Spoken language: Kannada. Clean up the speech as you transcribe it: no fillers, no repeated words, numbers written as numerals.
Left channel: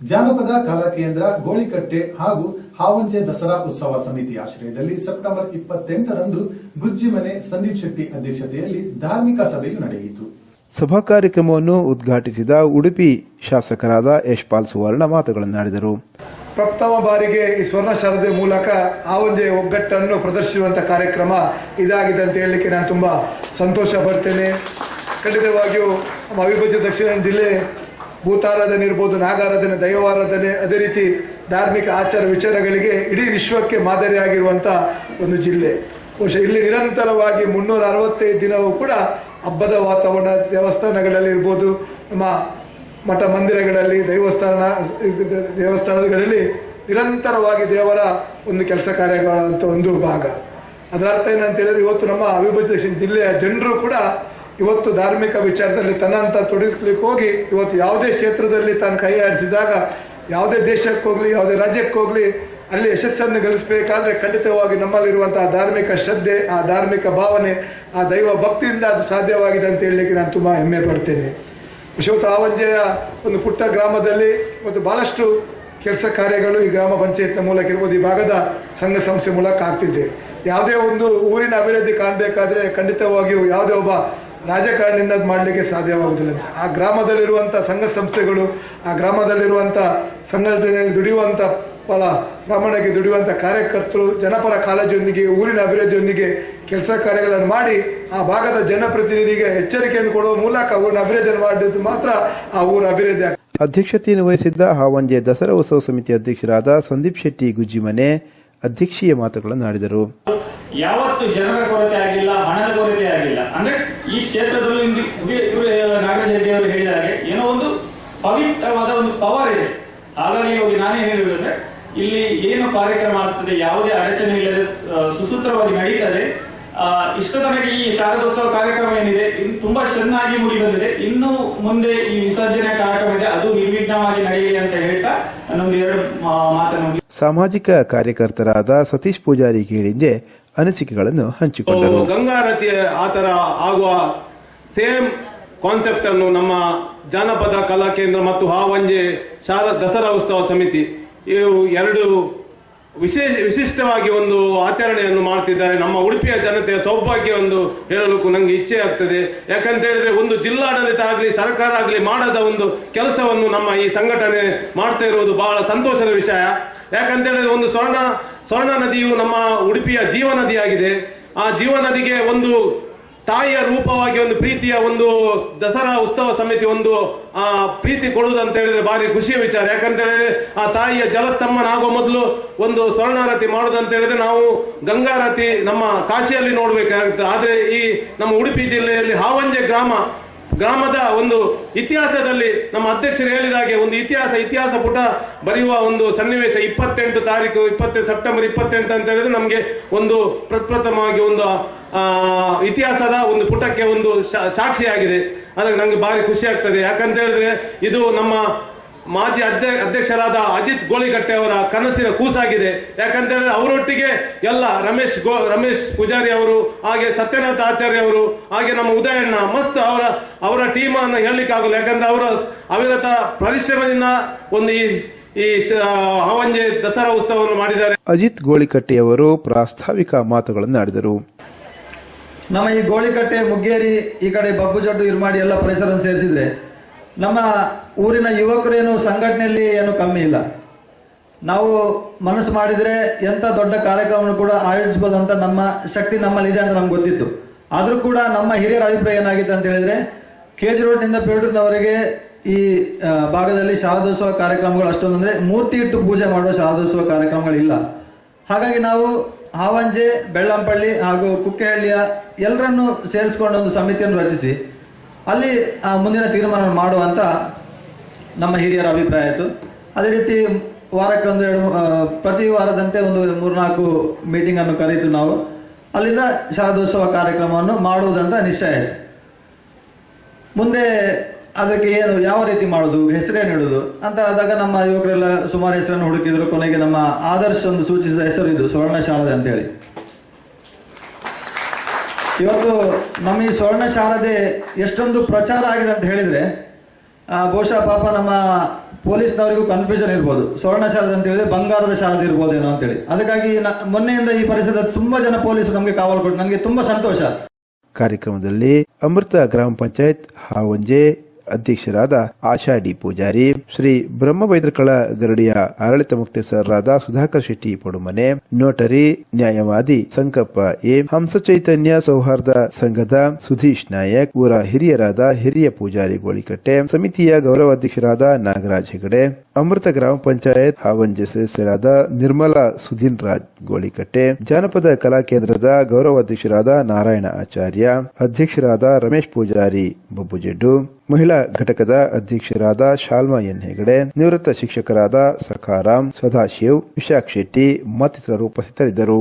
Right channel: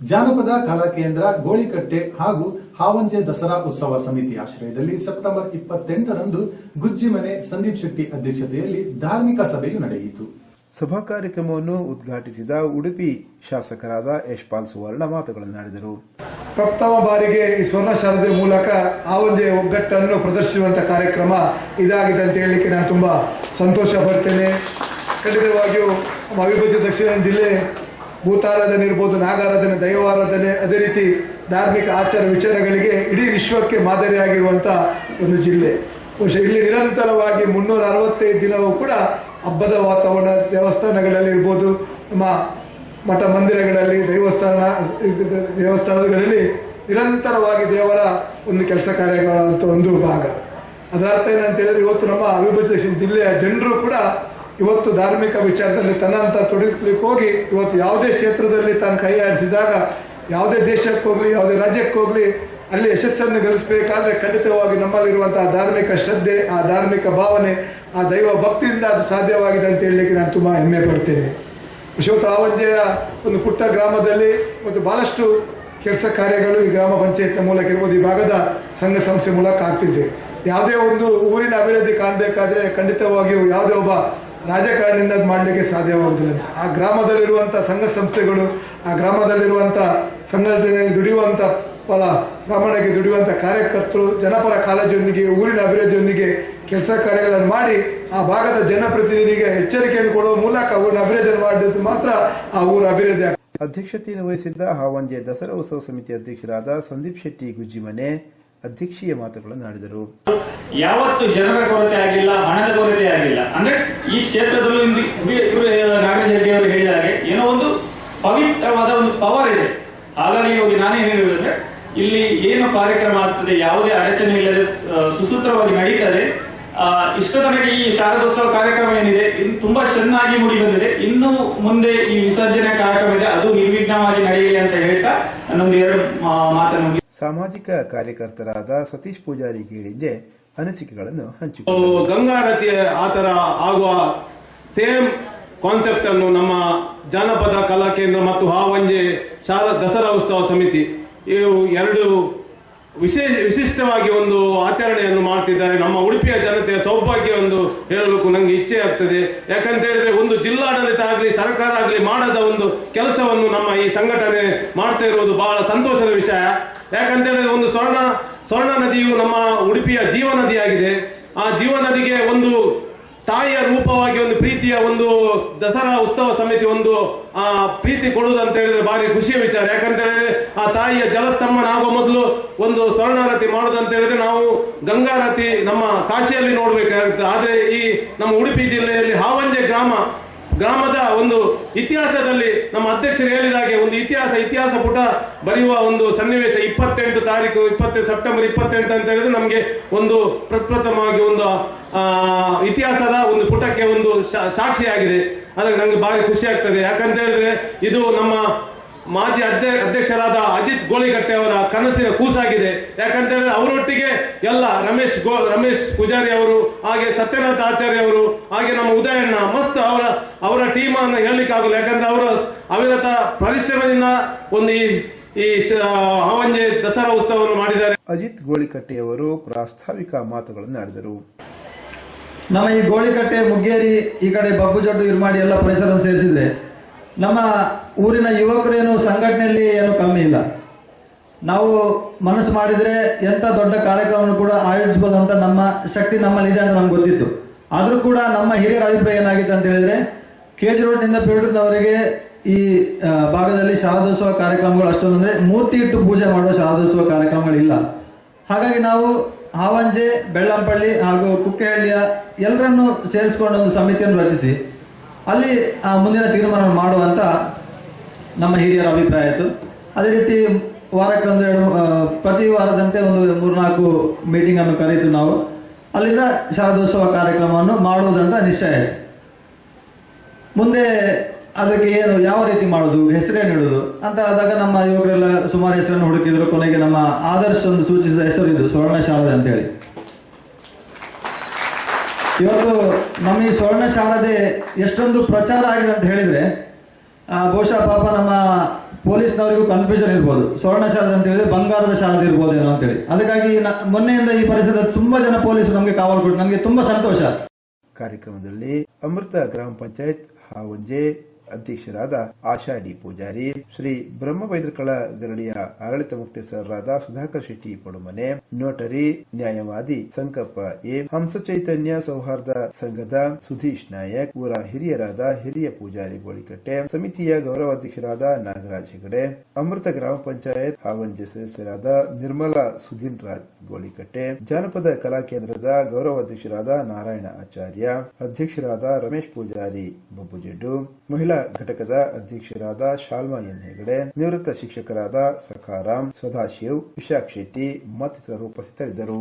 ಜಾನಪದ ಕಲಾ ಕೇಂದ್ರ ಗೋಳಿಕಟ್ಟೆ ಹಾಗೂ ಹಾವಂಜೆ ದಸರಾ ಉತ್ಸವ ಸಮಿತಿ ಆಶ್ರಯದಲ್ಲಿ ಸೆಪ್ಟೆಂಬರ್ 28ರಂದು ಗುಜ್ಜಿಮನೆ ಸಂದೀಪ್ ಶೆಟ್ಟಿ ಅಧ್ಯಕ್ಷತೆಯಲ್ಲಿ ಧಾರ್ಮಿಕ ಸಭೆಯು ನಡೆಯಿತು. ಸಭಾ ಕಾರ್ಯಕ್ರಮವನ್ನು ಉದ್ಘಾಟಿಸಿದ ಉಡುಪಿ ಶಾಸಕರಾದ ಯಶ್ಪಾಲ್ ಸುವರ್ಣ ಮಾತುಗಳನ್ನಾಡಿದರು. ಪ್ರಥಮ ಬಾರಿಗೆ ಈ ಸ್ವರ್ಣ ಶಾರದೆ ಮೂಲಕ ಹಾವಂಜೆ ಒಗ್ಗಟ್ಟನ್ನು ಪ್ರದರ್ಶಿಸುವಂಥ ಕಾರ್ಯಕ್ರಮ ಇದಾಗಿದೆ ಅಂತ ಹೇಳಲಿಕ್ಕೆ ನಾನು ತುಂಬ ಸಂತೋಷ ಪಡ್ತೇನೆ. ಖಂಡಿತವಾಗಿಯೂ ನಮ್ಮ ಅವಿಭಜಿತ ದಕ್ಷಿಣ ಜಿಲ್ಲೆ ಭೂತಾರಾಧನೆ ಇರ್ಬೋದು, ನಾಗಾರಾಧನೆ, ದೈವಾರಾಧನೆ, ಅದೇ ರೀತಿ ಧಾರ್ಮಿಕ ಆಚಾರ ವಿಚಾರಗಳಿಗೆ ಇಡೀ ವಿಶ್ವಕ್ಕೆ ಮಾದರಿಯಾಗಿರುವಂಥ ಒಂದು ಜಿಲ್ಲೆ. ಬಹುಶಃ ಇಲ್ಲಿ ನಿರಂತರವಾಗಿ 365 ದಿನವೂ ಕೂಡ ಹಬ್ಬದ ವಾತಾವರಣ, ದೇವಸ್ಥಾನಗಳಲ್ಲಿ ಇರ್ಬೋದು, ನಮ್ಮ ಮಠ ಮಂದಿರಗಳಲ್ಲಿ, ದೇವಸ್ಥಾನಗಳಲ್ಲಿ ನಿರಂತರವಾಗಿ ದೇವರ ಒಂದು ಕೆಲಸ ಕಾರ್ಯಗಳಂತ ಒಂದು ಭಾಗ. ಅದರ ಅರ್ಥ ಏನಂತ ಹೇಳಿದ್ರೆ, ಇವತ್ತು ನಮ್ಮ ಅವಿಭಜಿತ ದಕ್ಷಿಣ ಜಿಲ್ಲೆಯ ಜನರು ಕೂಡ ಇವತ್ತು ಧಾರ್ಮಿಕ ವಿಚಾರದಲ್ಲಿ ತನ್ನಂತ ತೊಡಗಿಸ್ಲಿಕ್ಕೆ ಹೋಗಿ ಇವತ್ತು ಯಾವುದೇ ಕ್ಷೇತ್ರದಲ್ಲಿ ತಾನು ಕೈ ಆಡಿಸಿದಾಗ, ಯಾವುದೇ ದೇಶಕ್ಕೆ ಹೋಗಲಿ, ಯಾವುದೇ ರಾಜ್ಯಕ್ಕೆ ಹೋಗಲಿ, ಅಲ್ಲಿ ಯಶಸ್ಸನ್ನು ಗಳಿಸಬೇಕಾದ್ರೆ ಖಂಡಿತವಾಗಿ ನಮ್ಮಲ್ಲಿರುವಂತಹ ಧಾರ್ಮಿಕ ಶ್ರದ್ಧೆ, ಆ ಧಾರ್ಮಿಕ ಭಾವನೆ, ಆ ದೈವ ಭಕ್ತಿಯಿಂದ ಅದು ಸಾಧ್ಯವಾಗಿದೆ ಅಂತ ಹೇಳಲಿಕ್ಕೆ ನಾನು ತುಂಬ ಹೆಮ್ಮೆ ಪಡ್ತೇನೆ. ವಿಶ್ವತ ಹಾವಂಜೆಯ ಒಂದು ಪುಟ್ಟ ಗ್ರಾಮದಲ್ಲಿ ಮತ್ತು ಬಹಳಷ್ಟು ಕೆಲಸ ಕಾರ್ಯಗಳು ಈ ಗ್ರಾಮ ಪಂಚಾಯತ್ನ ಮೂಲಕ ಇರ್ಬೋದು, ಈ ಭಾಗದ ಸಂಘ ಸಂಸ್ಥೆ ಮೂಲಕ ಆಗ್ತಿದೆ. ಯಾವುದೇ ಒಂದು ಊರಿನ ಅಭಿವೃದ್ಧಿ ಕಾಣಬೇಕಾದ್ರೆ ಖಂಡಿತವಾಗಿಯೂ ಯಾವುದೇ ಒಬ್ಬ ರಾಜಕಾರಣಿಯಿಂದ ಮಾಡಲಿಕ್ಕೆ ಸಾಧ್ಯವಾಗುವುದಿಲ್ಲ. ಆ ಗ್ರಾಮದಲ್ಲಿರುವಂಥ ಸಂಘ ಸಂಸ್ಥೆಗಳು, ಆ ಗ್ರಾಮದಲ್ಲಿರುವಂಥ ಸಂಘಟನೆಯಲ್ಲಿ ದುಡಿಯುವಂಥ ಪ್ರಾಮಾಣಿಕ ದುಡಿಯುವಂಥ ಕಾರ್ಯಕರ್ತರು ಜನಪರ ಕಾಳಜಿಯೊಂದಿಗೆ, ಊರಿನ ಅಭಿವೃದ್ಧಿಯೊಂದಿಗೆ ಕೆಲಸ ಕಾರ್ಯಗಳನ್ನು ಮಾಡಿ ಆ ಭಾಗದ ಜನಪ್ರತಿನಿಧಿಗೆ ಎಚ್ಚರಿಕೆಯನ್ನು ಕೊಡುವ ಮೂಲಕ ಊರಿನ ಅಭಿವೃದ್ಧಿಯನ್ನು ಮಾಡಿದ್ದು ಮಾತ್ರ ಆ ಊರ ಅಭಿವೃದ್ಧಿ ಆಗ್ತದೆ. ಅಧ್ಯಕ್ಷತೆಯನ್ನು ವಹಿಸಿದ್ದ ಹಾವಂಜೆ ದಸರಾ ಉತ್ಸವ ಸಮಿತಿ ಅಧ್ಯಕ್ಷರಾದ ಸಂದೀಪ್ ಶೆಟ್ಟಿ ಗುಜ್ಜಿಮನೆ ಅಧ್ಯಕ್ಷೀಯ ಮಾತುಗಳನ್ನಾಡಿದರು. ಯಾವತ್ತು ಜನರ ಕೊರತೆ ಆಗಿಲ್ಲ, ಹಣದ ಕೊರತೆ ಆಗಿಲ್ಲ. ಅಂದ್ರೆ ಈ ಕ್ಷೇತ್ರದಲ್ಲೂ ನಾಗರಾಜ ರೆಡ್ಡಿ ಅವರು ಹೇಳಿದ ಹಾಗೆ ಏನೋ ಒಂದು ಪವಿತ್ರವಾದ ಒಂದು ಪವರ್ ಇದೆ. ಹಾಗಾಗಿ ಹೋಗಿ ನಾನೇ ಹೇಳುವುದಂದ್ರೆ, ಇಲ್ಲಿ ಏನು ಕಾರ್ಯಕ್ರಮ ಆಗ್ತದೆ ಯಾವುದೇ ಅಡಚಣೆ ಇಲ್ಲದೆ ಸುಸೂತ್ರವಾಗಿ ನಡೀತದೆ. ಇಷ್ಟ ತನಕ ಈ ಶಾರದೋತ್ಸವ ಕಾರ್ಯಕ್ರಮ ಏನಿದೆ ತುಂಬಾ ಚೆನ್ನಾಗಿ ಮೂಡಿ ಬಂದಿದೆ. ಇನ್ನು ಮುಂದೆ ಈ ವಿಸರ್ಜನೆ ಕಾರ್ಯಕ್ರಮ ಇದೆ, ಅದು ನಿರ್ವಿಘ್ನವಾಗಿ ನಡೆಯಲಿ ಅಂತ ಹೇಳ್ತಾ ನನ್ನೊಂದು 2 ಮಾತನ್ನು ಸಾಮಾಜಿಕ ಕಾರ್ಯಕರ್ತರಾದ ಸತೀಶ್ ಪೂಜಾರಿ ಕೇಳಿದ್ದೆ ಅನಿಸಿಕೆಗಳನ್ನು ಹಂಚಿಕೊಂಡರು. ಗಂಗಾರತಿ ಆತರ ಆಗುವ ಸೇಮ್ ಕಾನ್ಸೆಪ್ಟ್ ಅನ್ನು ನಮ್ಮ ಜಾನಪದ ಕಲಾ ಕೇಂದ್ರ ಮತ್ತು ಹಾವಂಜೆ ದಸರಾ ಉತ್ಸವ ಸಮಿತಿ ಇವು 2 ವಿಶಿಷ್ಟವಾಗಿ ಒಂದು ಆಚರಣೆಯನ್ನು ಮಾಡ್ತಿದ್ದಾರೆ. ನಮ್ಮ ಉಡುಪಿಯ ಜನತೆಯ ಸೌಭಾಗ್ಯ ಒಂದು ಹೇಳಲು ನನಗೆ ಇಚ್ಛೆ ಆಗ್ತದೆ. ಯಾಕಂತ ಹೇಳಿದ್ರೆ, ಒಂದು ಜಿಲ್ಲಾಡಳಿತ ಆಗಲಿ ಸರ್ಕಾರ ಆಗಲಿ ಮಾಡದ ಒಂದು ಕೆಲಸವನ್ನು ನಮ್ಮ ಈ ಸಂಘಟನೆ ಮಾಡ್ತಾ ಇರುವುದು ಬಹಳ ಸಂತೋಷದ ವಿಷಯ. ಯಾಕಂತ ಹೇಳಿದ್ರೆ, ಒಂದು ಸ್ವರ್ಣ ನದಿಯು ನಮ್ಮ ಉಡುಪಿಯ ಜೀವನದಿಯಾಗಿದೆ. ಆ ಜೀವನದಿಗೆ ಒಂದು ತಾಯಿಯ ರೂಪವಾಗಿ ಒಂದು ಪ್ರೀತಿಯ ಒಂದು ದಸರಾ ಉತ್ಸವ ಸಮಿತಿ ಒಂದು ಪ್ರೀತಿ ಕೊಡುವುದಂತ ಹೇಳಿದ್ರೆ ಭಾರಿ ಖುಷಿಯ ವಿಚಾರ. ಯಾಕಂತ ಹೇಳಿದ್ರೆ, ಆ ತಾಯಿಯ ಜಲಸ್ತಂಭನಾಗುವ ಮೊದಲು ಒಂದು ಸ್ವರ್ಣಾರತಿ ಮಾಡುವುದಂತ ಹೇಳಿದ್ರೆ ನಾವು ಗಂಗಾರತಿ ನಮ್ಮ ಕಾಶಿಯಲ್ಲಿ ನೋಡ್ಬೇಕಾಗುತ್ತೆ. ಆದ್ರೆ ಈ ನಮ್ಮ ಉಡುಪಿ ಜಿಲ್ಲೆಯಲ್ಲಿ ಹಾವಂಜೆ ಗ್ರಾಮದ ಒಂದು ಇತಿಹಾಸದಲ್ಲಿ ನಮ್ಮ ಅಧ್ಯಕ್ಷರು ಹೇಳಿದಾಗೆ ಒಂದು ಇತಿಹಾಸ ಪುಟ ಬರೆಯುವ ಒಂದು ಸನ್ನಿವೇಶ 28 ಸೆಪ್ಟೆಂಬರ್ 28 ಅಂತ ಹೇಳಿದ್ರೆ ನಮಗೆ ಒಂದು ಪ್ರಪ್ರಥಮವಾಗಿ ಒಂದು ಇತಿಹಾಸದ ಒಂದು ಪುಟಕ್ಕೆ ಒಂದು ಸಾಕ್ಷಿಯಾಗಿದೆ. ಅದಕ್ಕೆ ನನಗೆ ಭಾರಿ ಖುಷಿ ಆಗ್ತದೆ. ಯಾಕಂತ ಹೇಳಿದ್ರೆ, ಇದು ನಮ್ಮ ಮಾಜಿ ಅಧ್ಯಕ್ಷರಾದ ಅಜಿತ್ ಗೋಳಿಕಟ್ಟೆ ಅವರ ಕನಸಿನ ಕೂಸಾಗಿದೆ. ಯಾಕಂತ ಹೇಳಿದ್ರೆ, ಅವರೊಟ್ಟಿಗೆ ಎಲ್ಲ ರಮೇಶ್ ಪೂಜಾರಿ ಅವರು, ಹಾಗೆ ಸತ್ಯನಾಥ ಆಚಾರ್ಯ ಅವರು, ಹಾಗೆ ನಮ್ಮ ಉದಯಣ್ಣ ಮಸ್ತ್ ಅವರ ಟೀಮ್ ಅನ್ನು ಹೇಳಲಿಕ್ಕೆ ಆಗಲ್ಲ. ಯಾಕಂದ್ರೆ ಅವರ ಅವಿರತ ಪರಿಶ್ರಮದಿಂದ ಒಂದು ಈ ಹಾವಂಜೆ ದಸರಾ ಉತ್ಸವವನ್ನು ಮಾಡಿದ್ದಾರೆ. ಅಜಿತ್ ಗೋಳಿಕಟ್ಟೆಯವರು ಪ್ರಾಸ್ತಾವಿಕ ಮಾತುಗಳನ್ನಾಡಿದರು. ನಮ್ಮ ಈ ಗೋಳಿಕಟ್ಟೆ, ಮುಗ್ಗೇರಿ, ಈ ಕಡೆ ಬಬ್ಬುಜಡ್ಡು, ಇರ್ಮಾಡಿ ಎಲ್ಲ ಪರಿಸರ ಸೇರಿಸಿದ್ರೆ ನಮ್ಮ ಊರಿನ ಯುವಕರೇನು ಸಂಘಟನೆಯಲ್ಲಿ ಏನು ಕಮ್ಮಿ ಇಲ್ಲ. ನಾವು ಮನಸ್ಸು ಮಾಡಿದರೆ ಎಂಥ ದೊಡ್ಡ ಕಾರ್ಯಕ್ರಮವನ್ನು ಕೂಡ ಆಯೋಜಿಸಬಹುದಂತ ನಮ್ಮ ಶಕ್ತಿ ನಮ್ಮಲ್ಲಿದೆ ಅಂತ ನಮ್ಗೆ ಗೊತ್ತಿತ್ತು. ಆದರೂ ಕೂಡ ನಮ್ಮ ಹಿರಿಯರ ಅಭಿಪ್ರಾಯ ಏನಾಗಿತ್ತು ಅಂತ ಹೇಳಿದ್ರೆ, KG ರೋಡ್ನಿಂದ ಪೇಟೂರಿನವರೆಗೆ ಈ ಭಾಗದಲ್ಲಿ ಶಾರದೋತ್ಸವ ಕಾರ್ಯಕ್ರಮಗಳು ಅಷ್ಟೊಂದು ಅಂದರೆ ಮೂರ್ತಿ ಇಟ್ಟು ಪೂಜೆ ಮಾಡುವ ಶಾರದೋತ್ಸವ ಕಾರ್ಯಕ್ರಮಗಳಿಲ್ಲ. ಹಾಗಾಗಿ ನಾವು ಹಾವಂಜೆ, ಬೆಳ್ಳಂಪಳ್ಳಿ ಹಾಗೂ ಕುಕ್ಕೆಹಳ್ಳಿಯ ಎಲ್ಲರನ್ನು ಸೇರಿಸ್ಕೊಂಡು ಒಂದು ಸಮಿತಿಯನ್ನು ರಚಿಸಿ ಅಲ್ಲಿ ಮುಂದಿನ ತೀರ್ಮಾನ ಮಾಡುವಂತ ನಮ್ಮ ಹಿರಿಯರ ಅಭಿಪ್ರಾಯ ಆಯಿತು. ಅದೇ ರೀತಿ ವಾರಕ್ಕೆ ಪ್ರತಿ ವಾರದಂತೆ ಒಂದು 3-4 ಮೀಟಿಂಗ್ ಅನ್ನು ಕರೆಯಿತು. ನಾವು ಅಲ್ಲಿಂದ ಶಾರದೋತ್ಸವ ಕಾರ್ಯಕ್ರಮವನ್ನು ಮಾಡುವುದಂತ ನಿಶ್ಚಯ ಆಯಿತು. ಮುಂದೆ ಅದಕ್ಕೆ ಯಾವ ರೀತಿ ಮಾಡೋದು, ಹೆಸರೇನು ಇಡೋದು ಅಂತ ಆದಾಗ ನಮ್ಮ ಯುವಕರೆಲ್ಲ ಸುಮಾರು ಹೆಸರನ್ನು ಹುಡುಕಿದ್ರು. ಕೊನೆಗೆ ನಮ್ಮ ಆದರ್ಶ ಒಂದು ಸೂಚಿಸಿದ ಹೆಸರು ಇದು ಸ್ವರ್ಣ ಶಾರದೆ ಅಂತೇಳಿ. ಇವತ್ತು ನಮ್ಮ ಈ ಸ್ವರ್ಣ ಶಾರದೆ ಎಷ್ಟೊಂದು ಪ್ರಚಾರ ಆಗಿದೆ ಅಂತ ಹೇಳಿದ್ರೆ, ಬಹುಶಃ ಪಾಪ ನಮ್ಮ ಪೊಲೀಸ್ನವರಿಗೂ ಕನ್ಫ್ಯೂಷನ್ ಇರ್ಬೋದು, ಸ್ವರ್ಣ ಶಾರದೆ ಅಂತ ಹೇಳಿದ್ರೆ ಬಂಗಾರದ ಶಾರದೆ ಇರ್ಬೋದೇನೋ ಅಂತೇಳಿ. ಅದಕ್ಕಾಗಿ ಮೊನ್ನೆಯಿಂದ ಈ ಪರಿಸರದ ತುಂಬಾ ಜನ ಪೊಲೀಸರು ನಮಗೆ ಕಾವಲು ಕೊಟ್ಟು ನನಗೆ ತುಂಬಾ ಸಂತೋಷ. ಕಾರ್ಯಕ್ರಮದಲ್ಲಿ ಅಮೃತ ಗ್ರಾಮ ಪಂಚಾಯತ್ ಹಾವಂಜೆ ಅಧ್ಯಕ್ಷರಾದ ಆಶಾ ಡಿ ಪೂಜಾರಿ, ಶ್ರೀ ಬ್ರಹ್ಮಬೈದ್ರಕಳ ಗರಡಿಯ ಆಡಳಿತ ಮುಖ್ಯಸ್ಥರಾದ ಸುಧಾಕರ್ ಶೆಟ್ಟಿ ಪಡುಮನೆ, ನೋಟರಿ ನ್ಯಾಯವಾದಿ ಸಂಕಪ್ಪ ಎ, ಹಂಸ ಚೈತನ್ಯ ಸೌಹಾರ್ದ ಸಂಘದ ಸುಧೀಶ್ ನಾಯಕ್, ಊರ ಹಿರಿಯರಾದ ಹಿರಿಯ ಪೂಜಾರಿ ಗೋಳಿಕಟ್ಟೆ, ಸಮಿತಿಯ ಗೌರವಾಧ್ಯಕ್ಷರಾದ ನಾಗರಾಜ್ ಹೆಗಡೆ, ಅಮೃತ ಗ್ರಾಮ ಪಂಚಾಯತ್ ಹಾವಂಜೆ ಸದಸ್ಯರಾದ ನಿರ್ಮಲಾ ಸುಧೀನ್ ರಾಜ್ ಗೋಳಿಕಟ್ಟೆ, ಜಾನಪದ ಕಲಾ ಕೇಂದ್ರದ ಗೌರವಾಧ್ಯಕ್ಷರಾದ ನಾರಾಯಣ ಆಚಾರ್ಯ, ಅಧ್ಯಕ್ಷರಾದ ರಮೇಶ್ ಪೂಜಾರಿ ಬಬ್ಬುಜೆಡ್ಡು, ಮಹಿಳಾ ಘಟಕದ ಅಧ್ಯಕ್ಷರಾದ ಶಾಲ್ಮಾ ಎನ್ ಹೆಗಡೆ, ನಿವೃತ್ತ ಶಿಕ್ಷಕರಾದ ಸಖಾರಾಮ್, ಸದಾಶಿವ್, ವಿಶಾಖ್ ಶೆಟ್ಟಿ ಮತ್ತಿತರರು ಉಪಸ್ಥಿತರಿದ್ದರು.